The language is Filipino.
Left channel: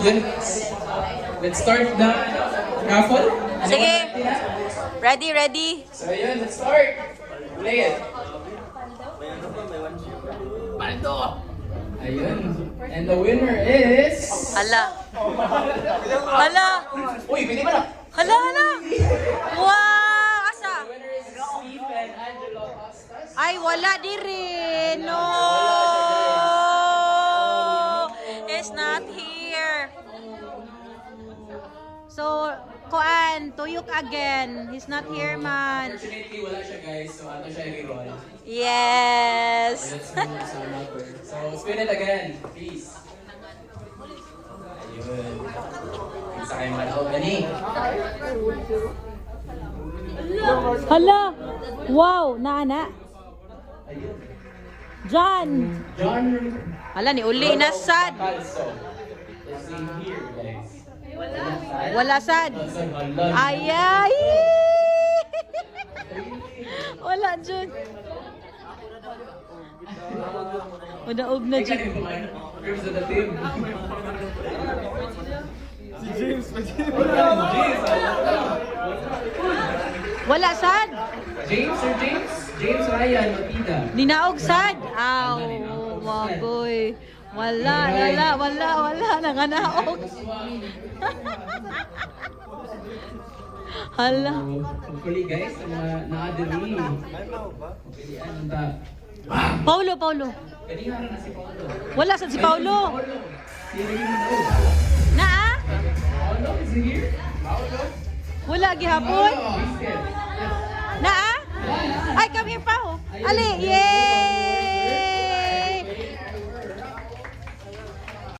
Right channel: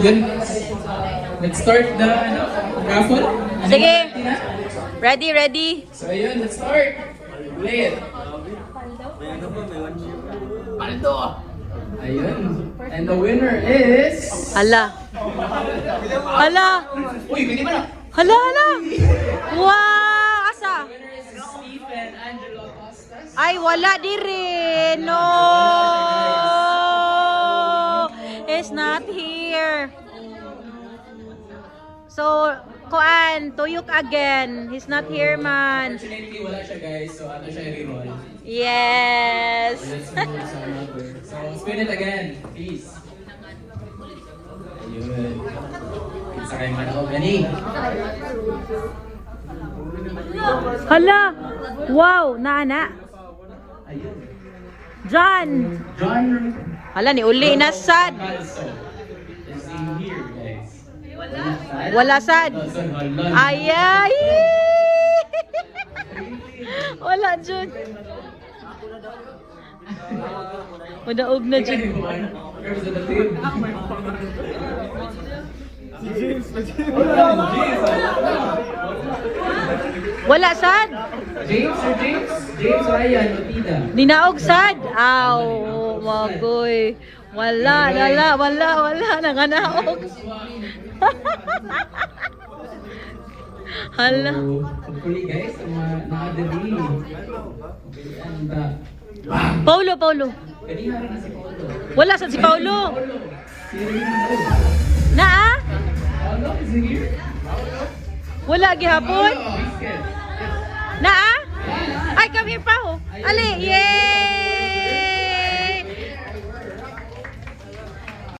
Yun. Let's start the raffle. Sige. Ready. So yun, let's start. Play it. Paldo. Ayun. And the winner is... Hala. Uy, pwede ba na? Hala. Wow, asa? Winner is Stephen Angelo Costas. Ay, wala di rin. No. It's not here. So, Kuan, tuyok again. He's not here, man. Unfortunately, wala siya guys. So ano siya i-roll. Yes. Let's move sa number. So spin it again, please. Ayun. Isa kayo manood. Ani? Hala. Wow, naana. John. John. Hala, ni uli na sad. Also, is in here, guys. Wala sad. Ayay. Wala, John. Udaog na, John. Wala sad. James or James? James Ryan, Lapida. Ninaog sad. Aw, magoy. Wala. Nanganaog. Hala. Hopefully guys, ang mga nakadali. And Paulo. kanina rin na si Paulo. Wala sad si Paulo. Na Paulo is here. Wala gihapon. Na Ay, come here pa ho. Ali, yay!